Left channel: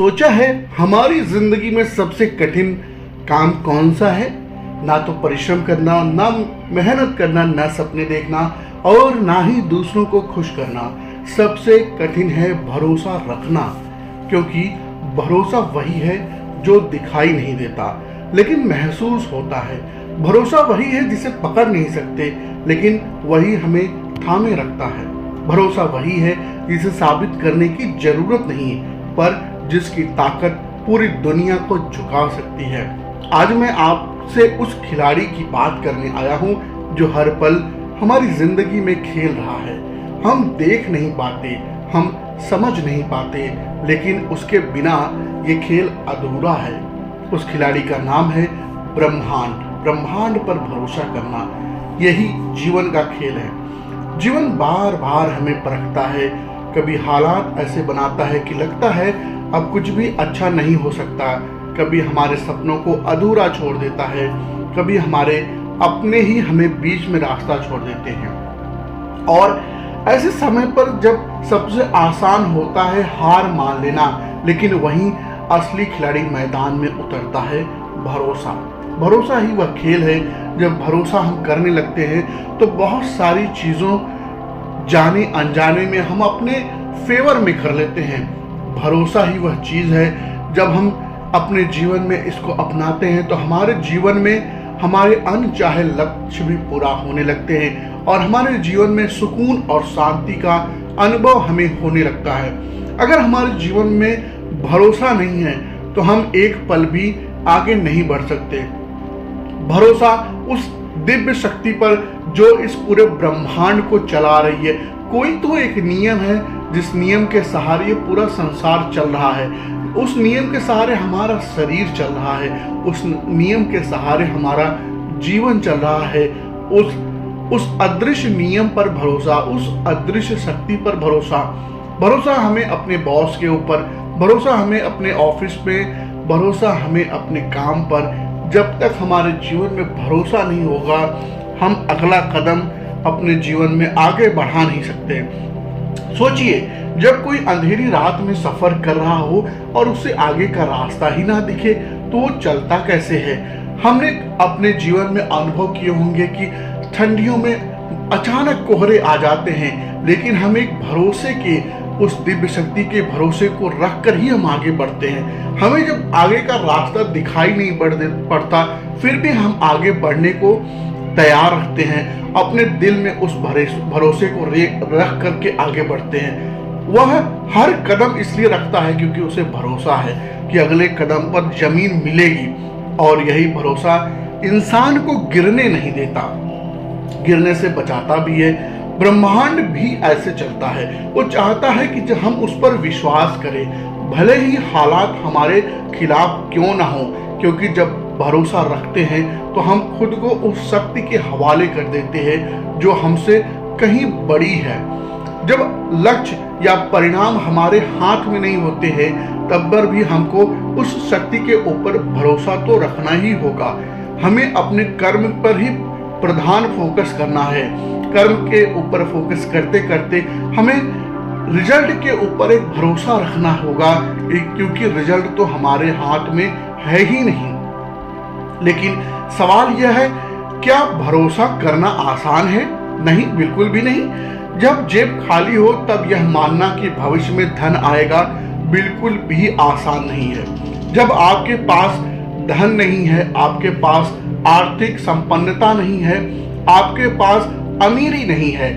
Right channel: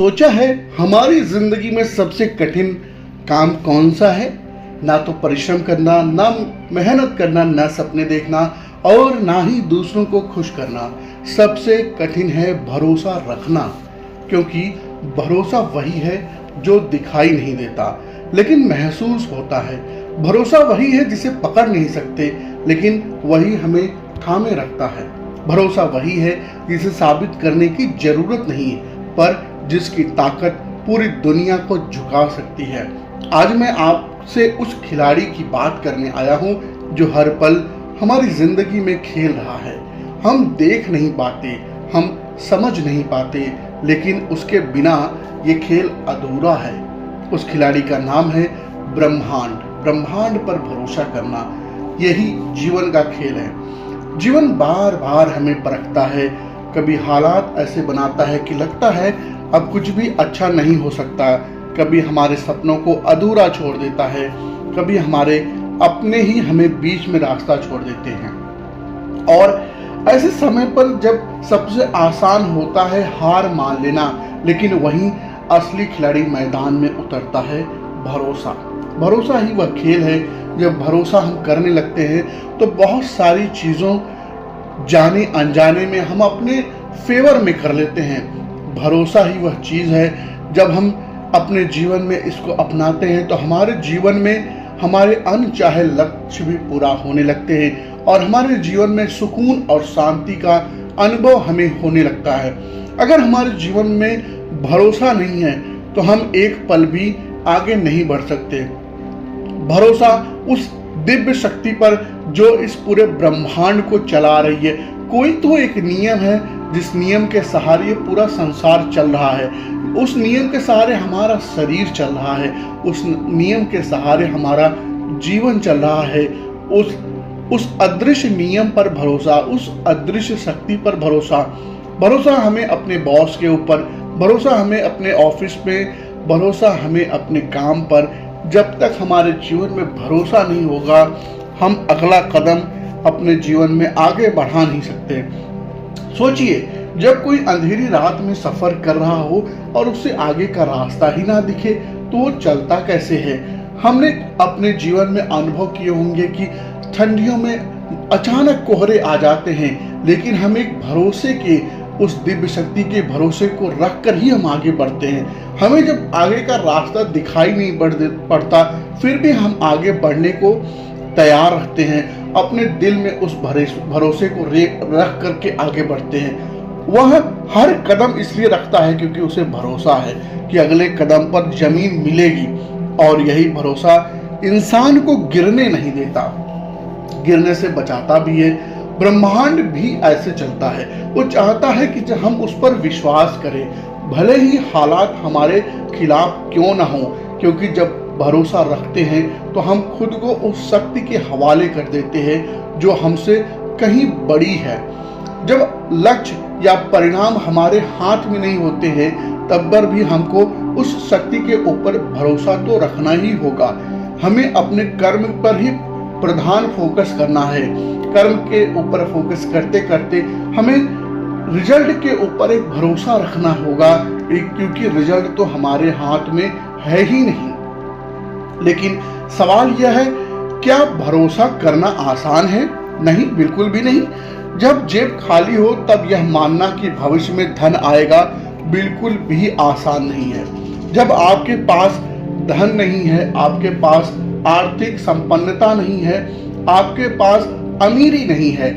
सोचा है हमारी जिंदगी में सबसे कठिन काम कौन सा है? ना तो परिश्रम करना, ना मेहनत करना, ना सपने देखना और ना ही दूसरों को खुश करना। सबसे कठिन है भरोसा रखना, क्योंकि भरोसा वही है जो दिखाई नहीं देता लेकिन महसूस होता है। भरोसा वही है जिसे पकड़ नहीं सकते लेकिन वही हमें थामे रखता है। भरोसा वही है जिसे साबित करने की जरूरत नहीं पर जिसकी ताकत पूरी दुनिया को झुका सकती है। आज मैं आपसे उस खिलाड़ी की बात करने आया हूँ जो हर पल हमारी जिंदगी में खेल रहा है। हम देख नहीं पाते, हम समझ नहीं पाते, लेकिन उसके बिना ये खेल अधूरा है। उस खिलाड़ी का नाम है ब्रह्मांड। ब्रह्मांड पर भरोसा करना, यही जीवन का खेल है। जीवन बार बार हमें परखता है। कभी हालात ऐसे बनाता है कि लगता है अब कुछ भी अच्छा नहीं हो सकता। कभी हमारे सपनों को अधूरा छोड़ देता है, कभी हमारे अपने ही हमें बीच में रास्ता छोड़ देते हैं। और ऐसे समय पर जब सबसे आसान होता है हार मान लेना, लेकिन वहीं असली खिलाड़ी मैदान में उतरता है भरोसा। भरोसा ही वह खेल है। जब भरोसा हम करने लगते हैं तो बहुत सारी चीज़ों जाने अनजाने में हम अपने फेवर में कर लेते हैं। भरोसा ही वह चीज़ है जब हम अपने जीवन में इसको अपनाते हैं तो हमारे जीवन में हमारे अनचाहे लक्ष्य भी पूरा होने लगते हैं और हमारे जीवन में सुकून और शांति का अनुभव हमें होने लगता है। अगर हमारे जीवन में भरोसा नहीं है तो हम एक पल भी आगे नहीं बढ़ सकते। भरोसा उस दिव्य शक्ति पर जो इस पूरे ब्रह्मांड को चला रही है। कोई तो एक नियम है जिस नियम के सहारे ये पूरा संसार चल रहा है। उस नियम के सहारे हमारा शरीर चल रहा है, उस नियम के सहारे हमारा जीवन चल रहा है। उस अदृश्य नियम पर भरोसा, उस अदृश्य शक्ति पर भरोसा। भरोसा हमें अपने बॉस के ऊपर, भरोसा हमें अपने ऑफिस में, भरोसा हमें अपने काम पर। जब तक हमारे जीवन में भरोसा नहीं होगा हम अगला कदम अपने जीवन में आगे बढ़ा नहीं सकते। सोचिए, जब कोई अंधेरी रात में सफर कर रहा हो और उसे आगे का रास्ता ही ना दिखे तो वो चलता कैसे है? हमने अपने जीवन में अनुभव किए होंगे कि ठंडियों में अचानक कोहरे आ जाते हैं, लेकिन हम एक भरोसे के, उस दिव्य शक्ति के भरोसे को रख कर ही हम आगे बढ़ते हैं। हमें जब आगे का रास्ता दिखाई नहीं पड़ता फिर भी हम आगे बढ़ने को तैयार रखते हैं। अपने दिल में उस भरोसे को रख करके आगे बढ़ते हैं। वह हर कदम इसलिए रखता है क्योंकि उसे भरोसा है कि अगले कदम पर जमीन मिलेगी। और यही भरोसा इंसान को गिरने नहीं देता, गिरने से बचाता भी है। ब्रह्मांड भी ऐसे चलता है। वो चाहता है कि जब हम उस पर विश्वास करें, भले ही हालात हमारे खिलाफ क्यों ना हो, क्योंकि जब भरोसा रखते हैं तो हम खुद को उस शक्ति के हवाले कर देते हैं जो हमसे कहीं बड़ी है। जब लक्ष्य या परिणाम हमारे हाथ में नहीं होते हैं तब पर भी हमको उस शक्ति के ऊपर भरोसा तो रखना ही होगा। हमें अपने कर्म पर ही प्रधान फोकस करना है। कर्म के ऊपर फोकस करते करते हमें रिजल्ट के ऊपर एक भरोसा रखना होगा, क्योंकि रिजल्ट तो हमारे हाथ में है ही नहीं। लेकिन सवाल यह है, क्या भरोसा करना आसान है? नहीं, बिल्कुल भी नहीं। जब जेब खाली हो तब यह मानना कि भविष्य में धन आएगा बिल्कुल भी आसान नहीं है। जब आपके पास धन नहीं है, आपके पास आर्थिक संपन्नता नहीं है, आपके पास अमीरी नहीं है,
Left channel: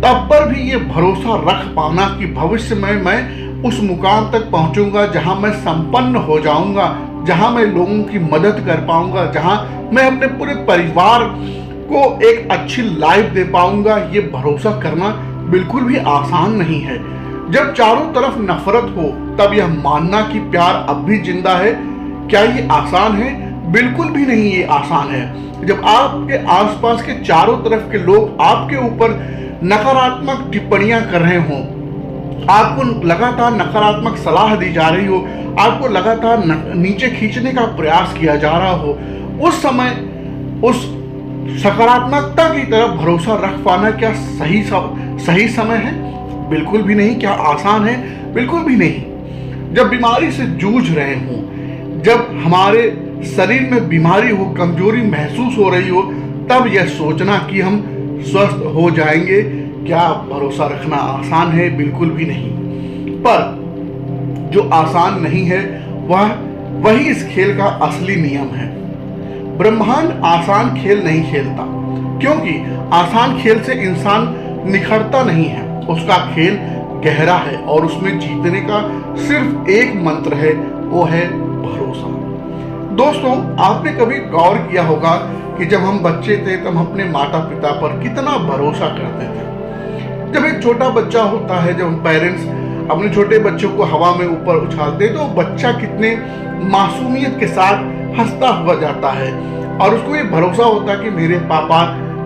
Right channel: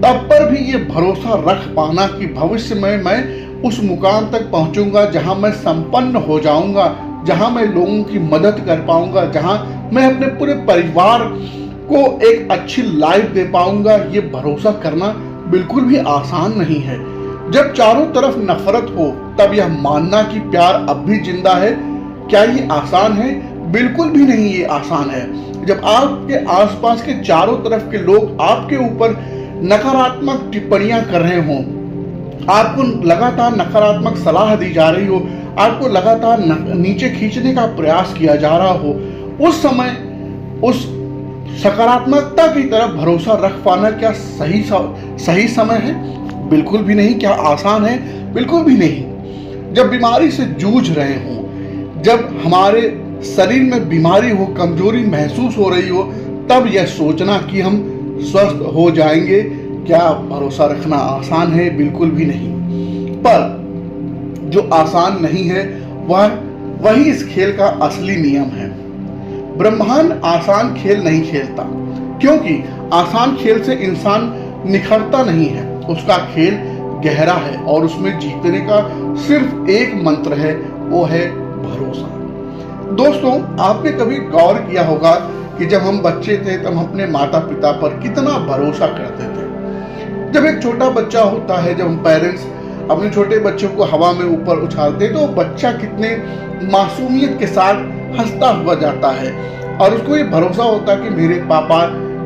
तब पर भी ये भरोसा रख पाना कि भविष्य में मैं उस मुकाम तक पहुंचूंगा जहां मैं संपन्न हो जाऊंगा, जहां मैं लोगों की मदद कर पाऊंगा, जहां मैं अपने पूरे परिवार को एक अच्छी लाइफ दे पाऊंगा, ये भरोसा करना बिल्कुल भी आसान नहीं है। जब चारों तरफ नफरत हो तब यह मानना कि प्यार अब भी जिंदा है, क्या ये आसान है? बिल्कुल भी नहीं ये आसान है। जब आपके आसपास के चारों तरफ के लोग आपके ऊपर नकारात्मक टिप्पणियां कर रहे हों, आपको लगातार नकारात्मक सलाह दी जा रही हो, आपको लगातार नीचे खींचने का प्रयास किया जा रहा हो, उस समय उस सकारात्मकता की तरफ भरोसा रख पाना क्या सही समय है? बिल्कुल भी नहीं। क्या आसान है? बिल्कुल भी नहीं। जब बीमारी से जूझ रहे हों, जब हमारे शरीर में बीमारी हो, कमजोरी महसूस हो रही हो, तब यह सोचना कि हम स्वस्थ हो जाएंगे, क्या भरोसा रखना आसान है? बिल्कुल भी नहीं। पर जो आसान नहीं है वही इस खेल का असली नियम है। ब्रह्मांड आसान खेल नहीं खेलता, क्योंकि आसान खेल से इंसान निखरता नहीं है। उसका खेल गहरा है और उसमें जीतने का सिर्फ एक मंत्र है, वो है भरोसा। दोस्तों, आपने कभी गौर किया होगा कि जब हम बच्चे थे तब हम अपने माता पिता पर कितना भरोसा करते थे। जब एक छोटा बच्चा होता है, जब हम पेरेंट्स अपने छोटे बच्चों को हवा में ऊपर उछालते हैं, तो बच्चा कितने मासूमियत के साथ हंसता हुआ जाता है और उसको ये भरोसा होता है कि मेरे पापा,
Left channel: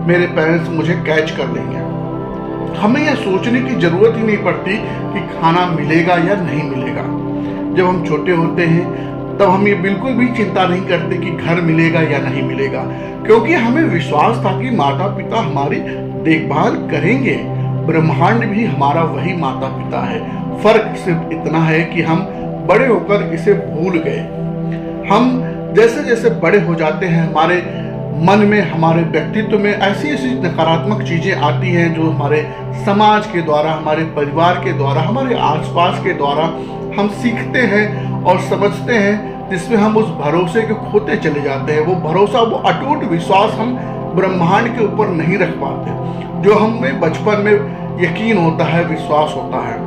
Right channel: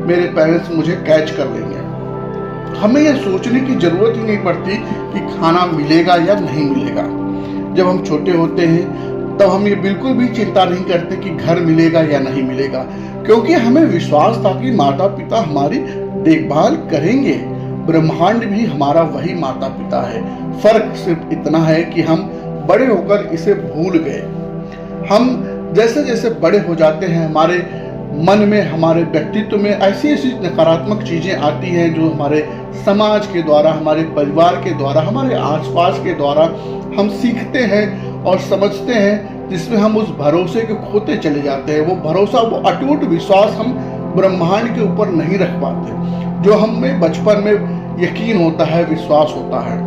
मेरे पेरेंट्स मुझे कैच कर लेंगे। हमें यह सोचने की जरूरत ही नहीं पड़ती कि खाना मिलेगा या नहीं मिलेगा। जब हम छोटे होते हैं तब हम ये बिल्कुल भी चिंता नहीं करते कि घर मिलेगा या नहीं मिलेगा, क्योंकि हमें विश्वास था कि माता पिता हमारी देखभाल करेंगे। ब्रह्मांड भी हमारा वही माता पिता है। फर्क सिर्फ इतना है कि हम बड़े होकर इसे भूल गए। हम जैसे जैसे बड़े हो जाते हैं, हमारे मन में, हमारे व्यक्तित्व में ऐसी ऐसी नकारात्मक चीजें आती हैं जो हमारे समाज के द्वारा, हमारे परिवार के द्वारा, हमारे आसपास के द्वारा हम सीखते हैं और समझते हैं, जिसमें हम उस भरोसे को खोते चले जाते हैं। वो भरोसा, वो अटूट विश्वास हम ब्रह्मांड के ऊपर नहीं रख पाते, जो हमें बचपन में यकीन होता है, विश्वास होता है।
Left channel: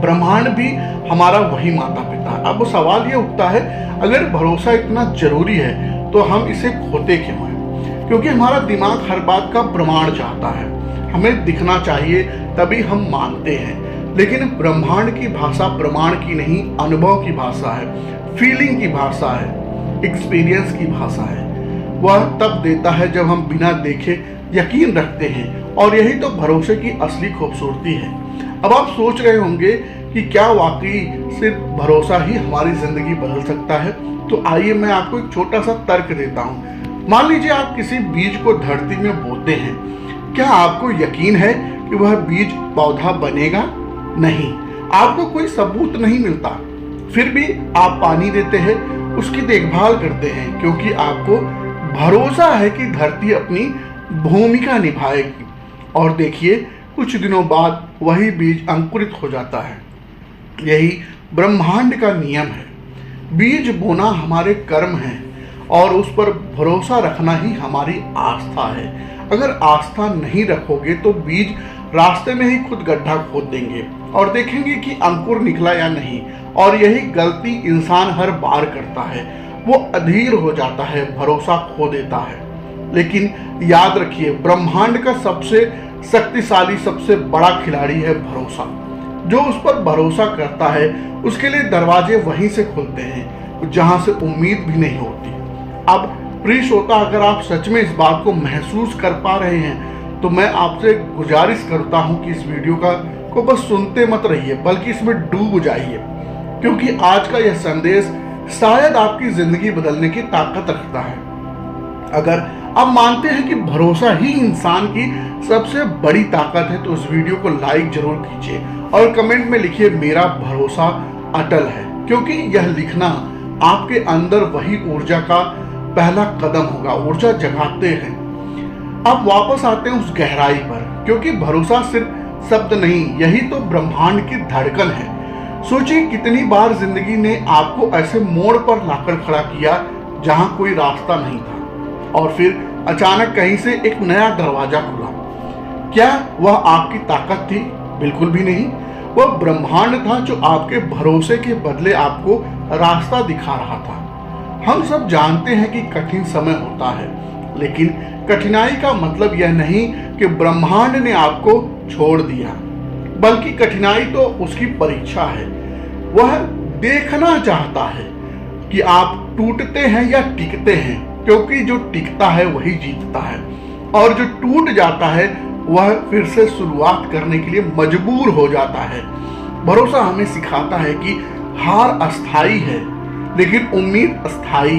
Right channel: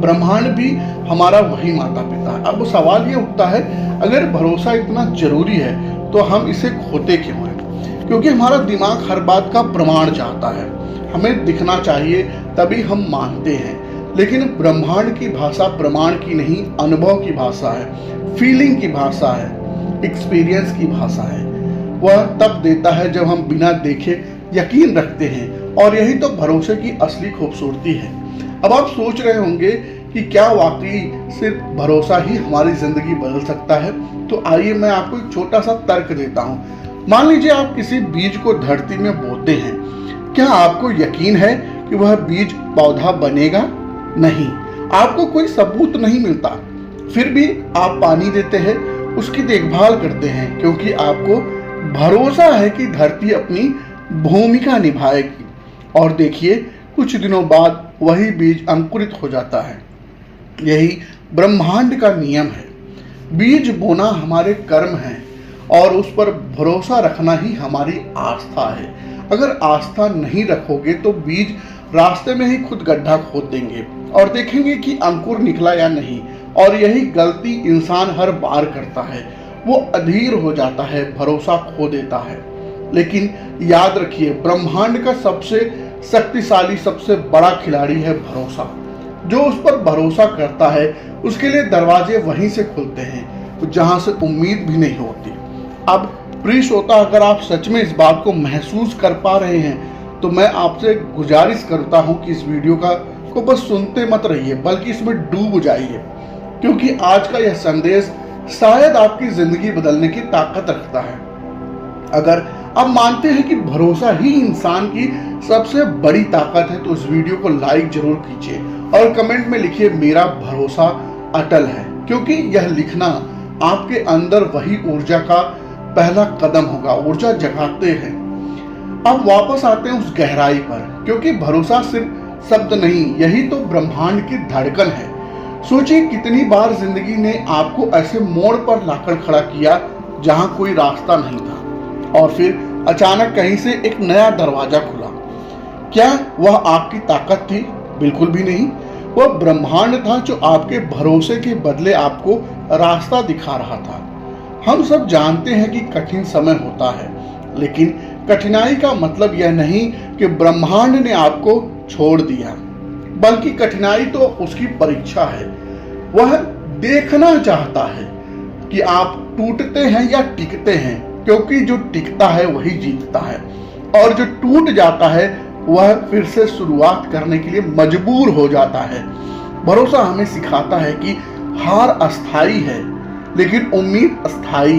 ब्रह्मांड भी हमारा वही माता पिता है। अब सवाल ये उठता है, अगर भरोसा इतना जरूरी है तो हम इसे खोते क्यों हैं? क्योंकि हमारा दिमाग हर बात का प्रमाण चाहता है, हमें दिखना चाहिए तभी हम मानते हैं। लेकिन ब्रह्मांड की भाषा प्रमाण की नहीं, अनुभव की भाषा है, फीलिंग की भाषा है, एक्सपीरियंस की भाषा है। वह तब देता है जब हम बिना देखे यकीन रखते हैं, और यही तो भरोसे की असली खूबसूरती है। अब आप सोच रहे होंगे कि क्या वाकई सिर्फ भरोसा ही हमारी जिंदगी बदल सकता है? तो आइए मैं आपको एक छोटा सा तर्क देता हूँ। मान लीजिए आप किसी बीज को धरती में बोते हैं, क्या आपको यकीन है कि वह बीज पौधा बनेगा? नहीं, आपको कोई सबूत नहीं मिलता। फिर भी आप पानी देते हैं, उसकी देखभाल करते हैं, क्योंकि आपको भरोसा है कि धरती अपनी भूमिका निभाएगी। और देखिए, कुछ दिनों बाद वही बीज अंकुरित हो जाता है। यही ब्रह्मांड का नियम है। बीज बोना हमारे कर्म है और उस पर भरोसा रखना ही हमारी आस्था है। अगर आस्था नहीं रखोगे तो बीज रास्ते में ही खुद गड्ढा खोद देंगे और देखेंगे कि अंकुर निकला या नहीं। और यही गलती इंसान हर बार करता है, वो अधीर हो जाता है, भरोसा खो देता है। लेकिन याद रखिए, ब्रह्मांड का सबसे शक्तिशाली, सबसे बड़ा खिलाड़ी है भरोसा। जो उस पर भरोसा करता है उसके लिए दरवाजे वहीं से खुलते हैं जहां से उम्मीद भी नहीं होती। अब प्रिय श्रोता, अगर आप सच में इस बात को महसूस कर पा रहे हैं तो मैं आपसे गुजारिश करता हूं कि इस वीडियो को बस सुनते मत रहिए, बल्कि इसमें डूब जाइए, क्योंकि आज का यह संदेश शायद आपकी जिंदगी बदलने की ताकत रखता है। अगर आप मानते हैं कि भरोसा ही इंसान की सबसे बड़ी ताकत है तो इस वीडियो को लाइक जरूर कीजिए और कमेंट में लिखिए, मेरा भरोसा अटल है, क्योंकि यह लिखना आपके अंदर वही ऊर्जा का पहला कदम होगा। ऊर्जा जगाते हैं। अब वापस आते हैं उस गहराई पर, क्योंकि भरोसा सिर्फ शब्द नहीं, यही तो ब्रह्मांड की धड़कन है। सोचिए, कितनी बार जिंदगी ने आपको ऐसे मोड़ पर लाकर खड़ा किया जहां कोई रास्ता नहीं था, और फिर अचानक कहीं से एक नया दरवाजा खुला। क्या वह आपकी ताकत थी? बिल्कुल भी नहीं। वह ब्रह्मांड था जो आपके भरोसे के बदले आपको रास्ता दिखा रहा था। हम सब जानते हैं कि कठिन समय होता है, लेकिन कठिनाई का मतलब यह नहीं कि ब्रह्मांड ने आपको छोड़ दिया, बल्कि कठिनाई तो उसकी परीक्षा है। वह देखना चाहता है कि आप टूटते हैं या टिकते हैं, क्योंकि जो टिकता है वही जीतता है, और जो टूट जाता है वह फिर से शुरुआत करने के लिए मजबूर हो जाता है। भरोसा हमें सिखाता है कि हार अस्थाई है, लेकिन उम्मीद अस्थाई।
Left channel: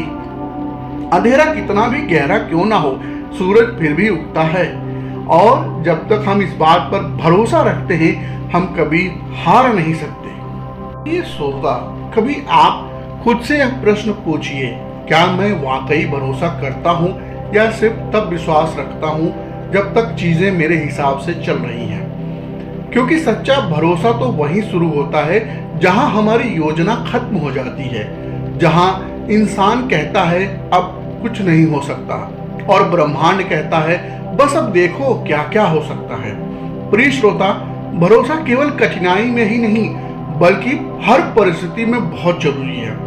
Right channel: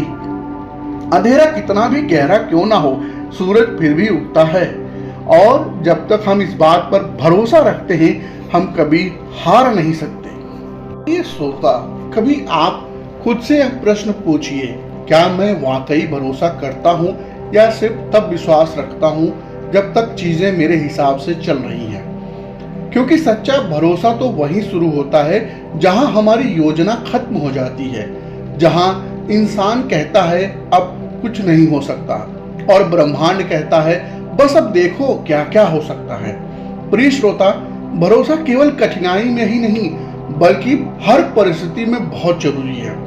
अंधेरा कितना भी गहरा क्यों ना हो, सूरज फिर भी उगता है, और जब तक हम इस बात पर भरोसा रखते हैं हम कभी हार नहीं सकते। ये श्रोता, कभी आप खुद से एक प्रश्न पूछिए, क्या मैं वाकई भरोसा करता हूँ या सिर्फ तब विश्वास रखता हूँ जब तक चीजें मेरे हिसाब से चल रही हैं। क्योंकि सच्चा भरोसा तो वहीं शुरू होता है जहां हमारी योजना खत्म हो जाती है, जहां इंसान कहता है अब कुछ नहीं हो सकता और ब्रह्मांड कहता है बस अब देखो क्या क्या हो सकता है। प्रिय श्रोता, भरोसा केवल कठिनाई में ही नहीं बल्कि हर परिस्थिति में बहुत जरूरी है।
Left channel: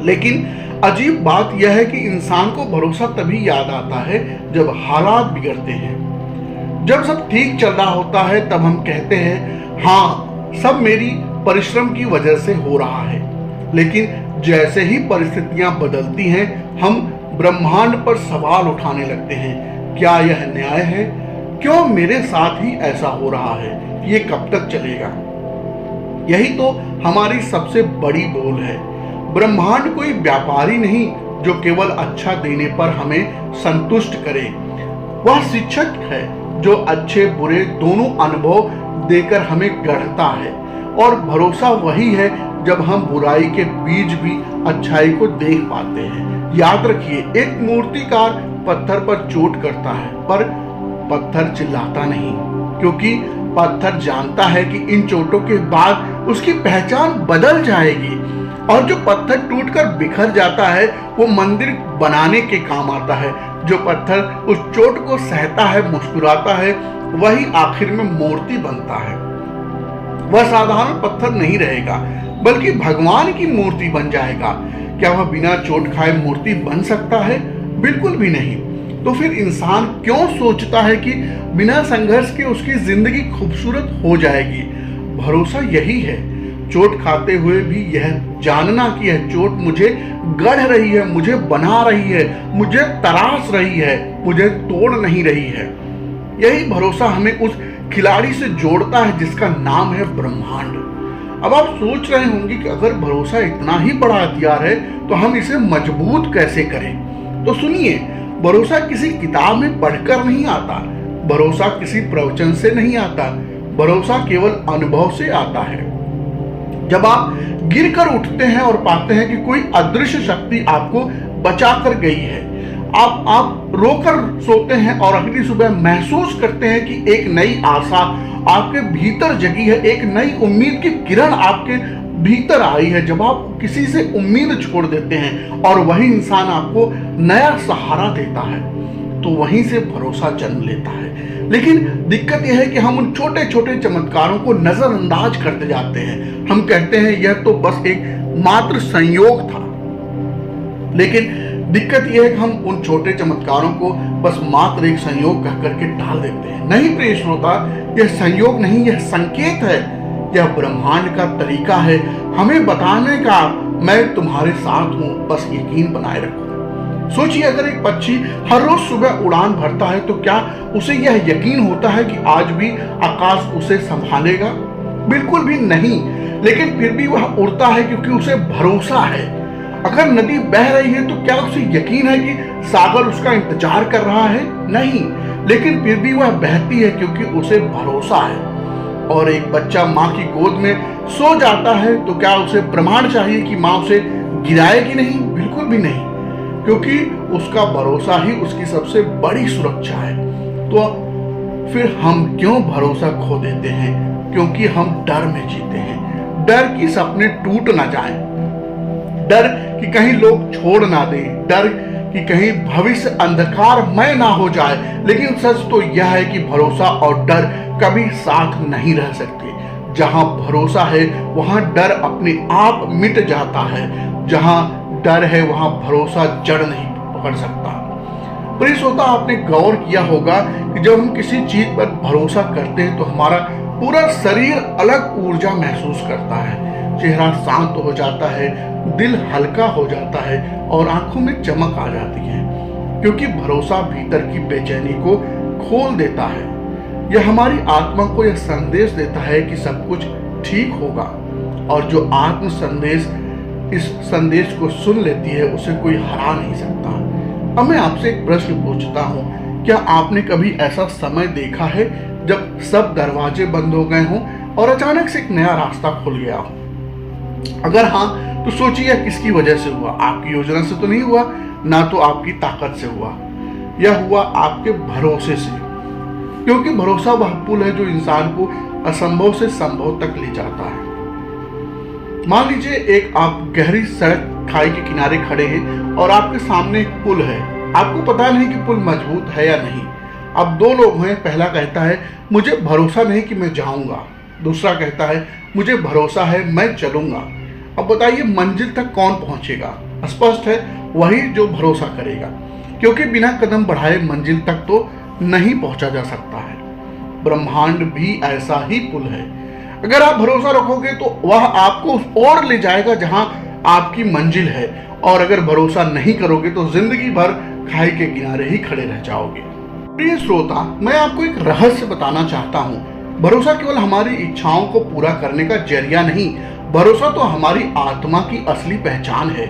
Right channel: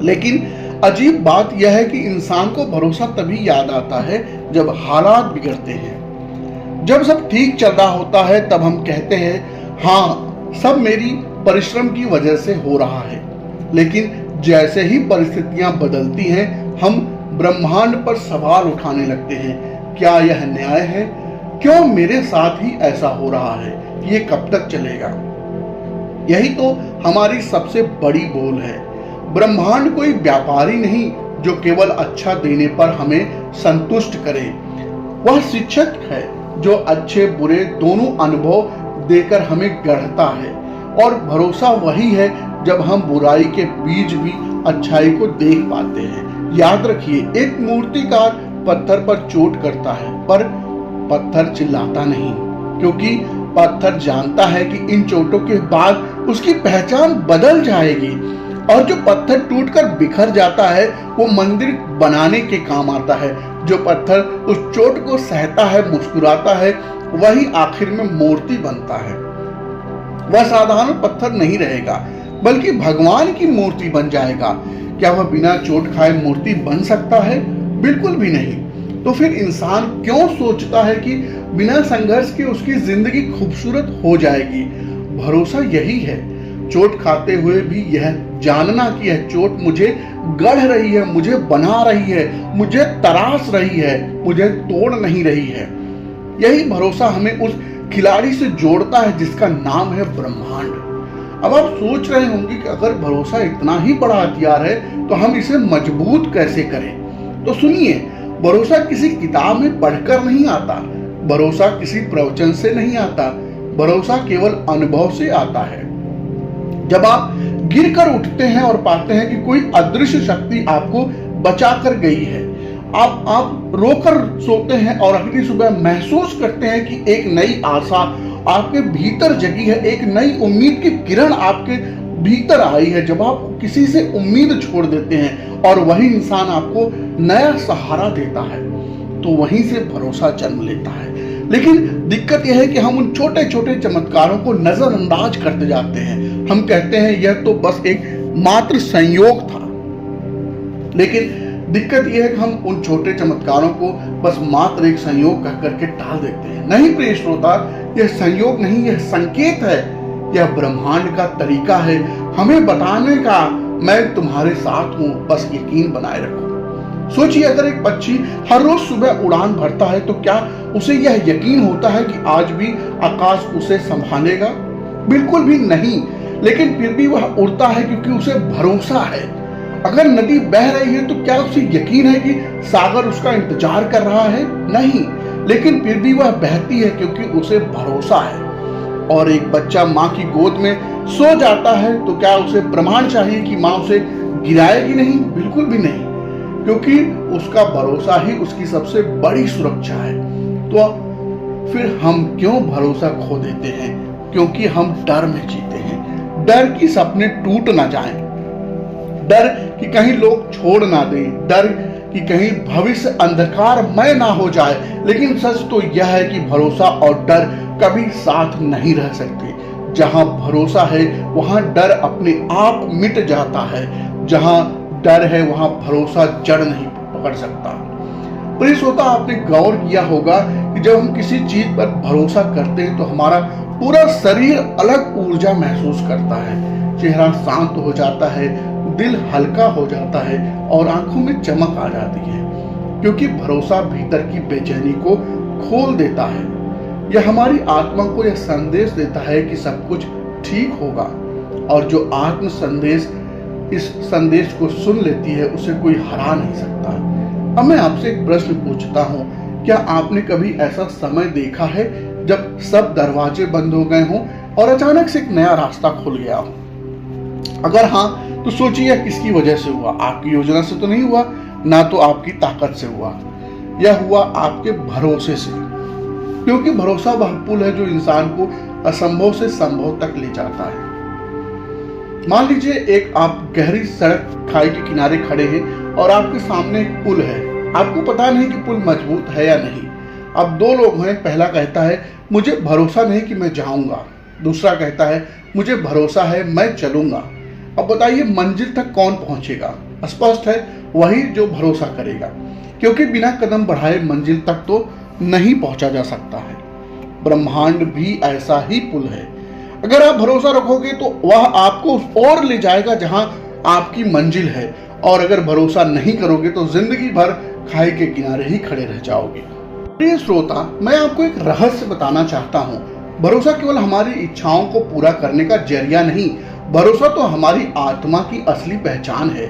लेकिन अजीब बात यह है कि इंसान को भरोसा तभी याद आता है जब हालात बिगड़ते हैं। जब सब ठीक चल रहा होता है तब हम कहते हैं हाँ, सब मेरी परिश्रम की वजह से हो रहा है। लेकिन जैसे ही परिस्थितियां बदलती हैं हम ब्रह्मांड पर सवाल उठाने लगते हैं, क्या यह न्याय है? क्यों मेरे साथ ही ऐसा हो रहा है? ये कब तक चलेगा? यही तो हमारी सबसे बड़ी बोल है। ब्रह्मांड कोई व्यापारी नहीं जो केवल अच्छा देने पर हमें संतुष्ट करे। वह शिक्षक है जो अच्छे बुरे दोनों अनुभव देकर हमें गढ़ता है। और भरोसा वही है जब हम बुराई के बीच भी अच्छाई को देख पाते हैं। याद रखिए, एक मूर्तिकार पत्थर पर चोट करता है पर पत्थर चिल्लाता नहीं, क्योंकि पत्थर जानता है कि इन चोटों के बाद उसकी पहचान बदल जाएगी। और जो पत्थर टूटकर बिखर जाता है वो मंदिर बनाने के काम आता है। जो पत्थर उस चोट को सहता है, मुस्कुराता है, वही आखिर में मूर्ति बनता है। वह साधारण पत्थर नहीं रहेगा बल्कि भगवान की मूर्ति बन जाएगा। क्या वह बिना चोट खाए मूर्ति बन सकता है? बिल्कुल भी नहीं। तो फिर इंसान क्यों सोचता है कि बिना संघर्ष के उसकी जिंदगी खूबसूरत हो जाएगी? भरोसा यही है, चोट खाते हुए भी यह जानना कि यह चोट मुझे गढ़ रही है, मुझे बना रही है, मुझे तराश रही है, मुझे तोड़ नहीं रही है। यही भरोसा हमें उस खिलाड़ी से जोड़ता है जिसका नाम है ब्रह्मांड। अब आप सोच रहे होंगे कि अगर भरोसा इतना ही बड़ा हथियार है तो हम इसे मजबूत कैसे करें? तो सुनिए, भरोसा किसी किताब में पढ़कर नहीं आता, भरोसा किसी प्रवचन से नहीं आता, भरोसा केवल अनुभव से आता है। जब आप गिरकर उठते हैं और पाते हैं कि कोई अदृश्य शक्ति आपको बचाकर गई है, आप रोकर सोते हैं और अगली सुबह महसूस करते हैं कि एक नई आशा आपके भीतर जगी है, एक नई उम्मीद की किरण आपके भीतर आई है। जब आप किसी से उम्मीद छोड़ देते हैं और वही इंसान आपको नया सहारा देता है तो वहीं से भरोसा जन्म लेता है। लेकिन दिक्कत यह है कि हम उन छोटे छोटे चमत्कारों को नजरअंदाज करते जाते हैं। हम कहते हैं यह तो बस एक मात्र संयोग था। लेकिन दिक्कत यह है कि हम उन छोटे चमत्कारों को बस मात्र एक संयोग कह करके टाल देते हैं। नहीं प्रिय श्रोता, यह संयोग नहीं, यह संकेत है, यह ब्रह्मांड का तरीका है हमें बताने का, मैं तुम्हारे साथ हूं, बस यकीन बनाए रखो। सोचिए, अगर एक पक्षी हर रोज सुबह उड़ान भरता है तो क्या उसे यह यकीन होता है कि आज भी आकाश उसे संभालेगा? बिल्कुल भी नहीं। लेकिन फिर भी वह उड़ता है क्योंकि उसे भरोसा है। अगर नदी बह रही है तो क्या उसे यकीन है कि सागर उसका इंतजार कर रहा है? नहीं। लेकिन फिर भी वह बहती है क्योंकि उसे भरोसा है। और एक बच्चा माँ की गोद में सो जाता है तो क्या उसे प्रमाण चाहिए कि माँ उसे गिराएगी नहीं? बिल्कुल भी नहीं, क्योंकि उसका भरोसा ही उसकी सबसे बड़ी सुरक्षा है। तो फिर हम क्यों भरोसा खो देते हैं? क्योंकि हम डर में जीते हैं। डर की सपने टूट ना जाएं, डर कि कहीं लोग छोड़ ना दें, डर कि कहीं भविष्य अंधकारमय ना हो जाए। लेकिन सच तो यह है कि भरोसा और डर कभी साथ नहीं रह सकते। जहां भरोसा है वहां डर अपने आप मिट जाता है। जहां डर है वहां भरोसा जड़ नहीं पकड़ सकता। प्रिय श्रोता, आपने गौर किया होगा कि जब हम किसी चीज पर भरोसा करते हैं तो हमारा पूरा शरीर अलग ऊर्जा महसूस करता है। चेहरा शांत हो जाता है, दिल हल्का हो जाता है और आंखों में चमक आ जाती है, क्योंकि भरोसा भीतर की बेचैनी को खोल देता है। यह हमारी आत्मा को यह संदेश देता है कि सब कुछ ठीक होगा। और जो आत्म संदेश इस संदेश को सुन लेती है उसे कोई हरा नहीं सकता। अब मैं आपसे एक प्रश्न पूछता हूँ, क्या आपने कभी ऐसा समय देखा है जब सब दरवाजे बंद हो गए हों और अचानक से एक नया रास्ता खुल गया हो? अगर हाँ, तो सोचिए किसकी वजह से हुआ। आपकी योजना से तो नहीं हुआ, ना तो आपकी ताकत से हुआ, यह हुआ आपके भरोसे से। क्योंकि भरोसा वह पुल है जो इंसान को असंभव से संभव तक ले जाता है। मान लीजिए एक आप गहरी सड़क खाई के किनारे खड़े हैं और आपके सामने एक पुल है। आपको पता नहीं कि पुल मजबूत है या नहीं। अब दो लोग हैं, पहला कहता है मुझे भरोसा नहीं कि मैं जाऊंगा, दूसरा कहता है मुझे भरोसा है मैं चलूंगा। अब बताइए मंजिल तक कौन पहुंचेगा? स्पष्ट है वही जो भरोसा करेगा, क्योंकि बिना कदम बढ़ाए मंजिल तक तो नहीं पहुंचा जा सकता है। ब्रह्मांड भी ऐसा ही पुल है। अगर आप भरोसा रखोगे तो वह आपको और ले जाएगा जहां आपकी मंजिल है, और अगर भरोसा नहीं करोगे तो जिंदगी भर खाई के किनारे ही खड़े रह जाओगे। प्रिय श्रोता, मैं आपको एक रहस्य बताना चाहता हूँ। भरोसा केवल हमारी इच्छाओं को पूरा करने का जरिया नहीं, भरोसा तो हमारी आत्मा की असली पहचान है।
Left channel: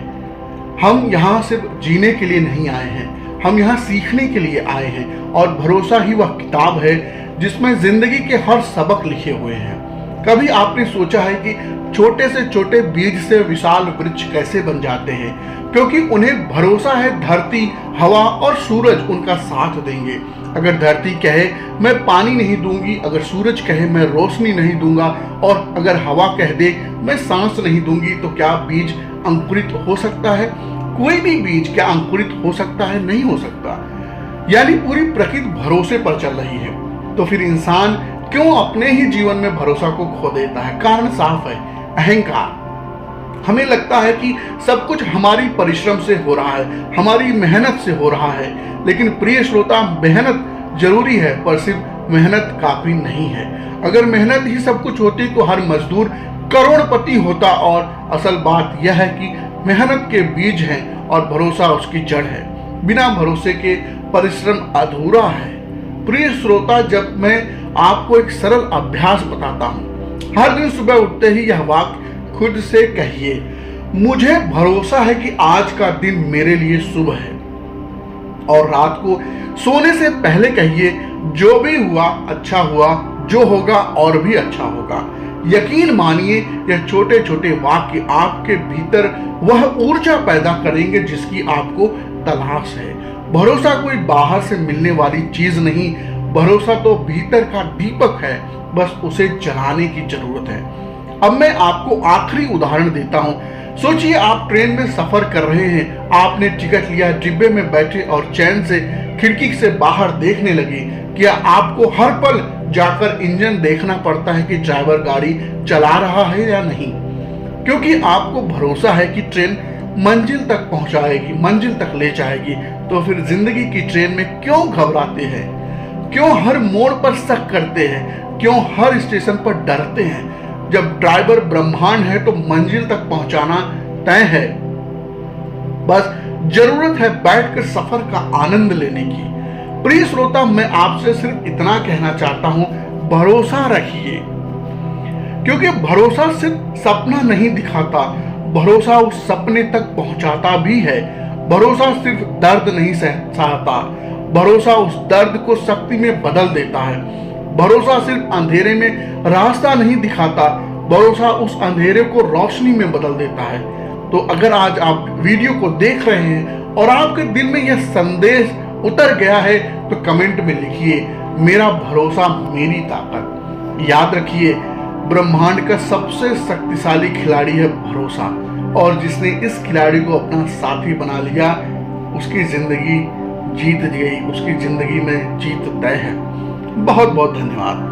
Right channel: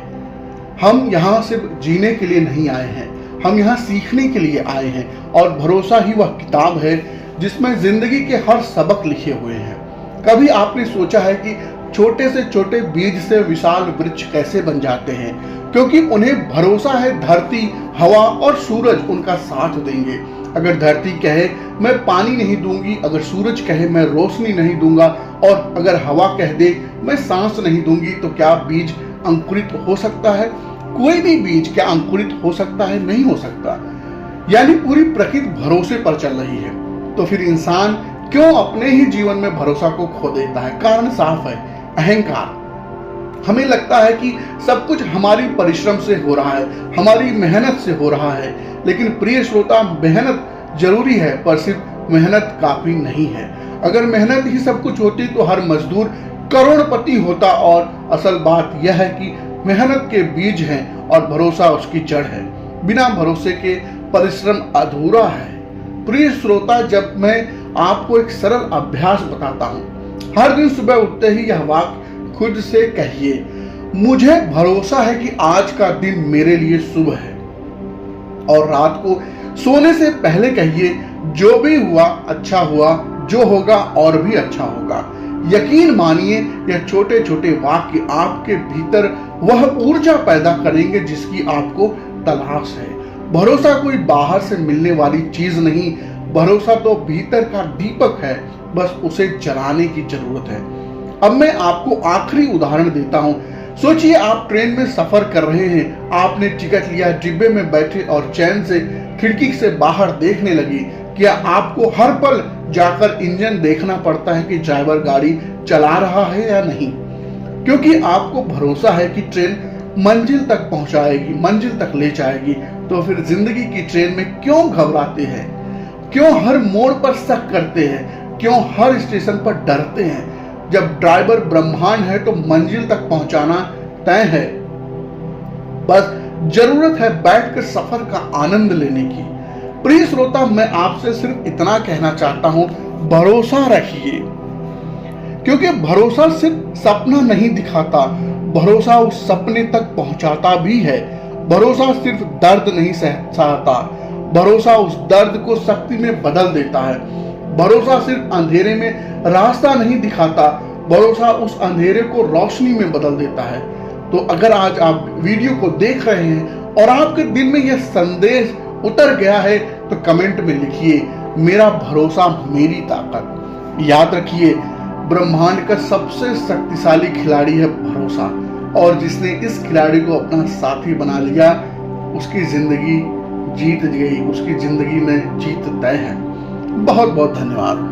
हम यहाँ सिर्फ जीने के लिए नहीं आए हैं, हम यहाँ सीखने के लिए आए हैं, और भरोसा ही वह किताब है जिसमें जिंदगी के हर सबक लिखे हुए हैं। कभी आपने सोचा है कि छोटे से छोटे बीज से विशाल वृक्ष कैसे बन जाते हैं? क्योंकि उन्हें भरोसा है धरती, हवा और सूरज उनका साथ देंगे। अगर धरती कहे मैं पानी नहीं दूंगी, अगर सूरज कहे मैं रोशनी नहीं दूंगा, और अगर हवा कह दे मैं सांस नहीं दूंगी, तो क्या बीज अंकुरित हो सकता है? कोई भी बीज क्या अंकुरित हो सकता है? नहीं हो सकता। यानी पूरी प्रकृति भरोसे पर चल रही है। तो फिर इंसान क्यों अपने ही जीवन में भरोसा को खो देता है? कारण साफ है, अहंकार। हमें लगता है कि सब कुछ हमारी परिश्रम से हो रहा है, हमारी मेहनत से हो रहा है। लेकिन प्रिय श्रोता, मेहनत जरूरी है, पर सिर्फ मेहनत काफी नहीं है। अगर मेहनत ही सब कुछ होती तो हर मजदूर करोड़पति होता। और असल बात यह है कि मेहनत के बीज हैं और भरोसा उसकी जड़ है। बिना भरोसे के परिश्रम अधूरा है। प्रिय श्रोता, जब मैं आपको एक सरल अभ्यास बताता हूँ, हर दिन सुबह उठते ही यह वाक्य खुद से कहिए, मुझे भरोसा है कि आज का दिन मेरे लिए शुभ है। और रात को सोने से पहले कहिए, जो भी हुआ अच्छा हुआ, जो होगा और भी अच्छा होगा। यकीन मानिए, यह छोटे छोटे वाक्य आपके भीतर वह ऊर्जा पैदा करेंगे जिसकी आपको तलाश है। भरोसा कोई बाहर से मिलने वाली चीज नहीं, भरोसा तो भीतर का दीपक है, बस उसे जलाने की जरूरत है। अब मैं आपको आखिरी उदाहरण देता हूँ। सोचिए आप ट्रेन में सफर कर रहे हैं, आपने टिकट लिया, डिब्बे में बैठे और चैन से खिड़की से बाहर देखने लगे। क्या आपको हर पल जाकर इंजन देखना पड़ता है कि ड्राइवर गाड़ी चला रहा है या नहीं? क्योंकि आपको भरोसा है कि ट्रेन मंजिल तक पहुंचाएगी, मंजिल तक ले जाएगी। तो फिर जिंदगी की ट्रेन में क्यों घबराते हैं? क्यों हर मोड़ पर शक करते हैं? क्यों हर स्टेशन पर डरते हैं? जब ड्राइवर ब्रह्मांड है तो मंजिल तक पहुंचाना तय है। बस जरूरत है बैठकर सफर का आनंद लेने की। प्रिय श्रोता, मैं आपसे सिर्फ इतना कहना चाहता हूं, भरोसा रखिए। क्योंकि भरोसा सिर्फ सपना नहीं दिखाता, भरोसा उस सपने तक पहुंचाता भी है। भरोसा सिर्फ दर्द नहीं सहता, भरोसा उस दर्द को शक्ति में बदल देता है। भरोसा सिर्फ अंधेरे में रास्ता नहीं दिखाता, भरोसा उस अंधेरे को रोशनी में बदल देता है। तो अगर आज आप वीडियो को देख रहे हैं और आपके दिल में यह संदेश उतर गया है तो कमेंट में लिखिए, मेरा भरोसा मेरी ताकत। याद रखिए, ब्रह्मांड का सबसे शक्तिशाली खिलाड़ी है भरोसा, और जिसने इस खिलाड़ी को अपना साथी बना लिया उसकी जिंदगी जीत गई, उसकी जिंदगी में जीत तय है। बहुत बहुत धन्यवाद।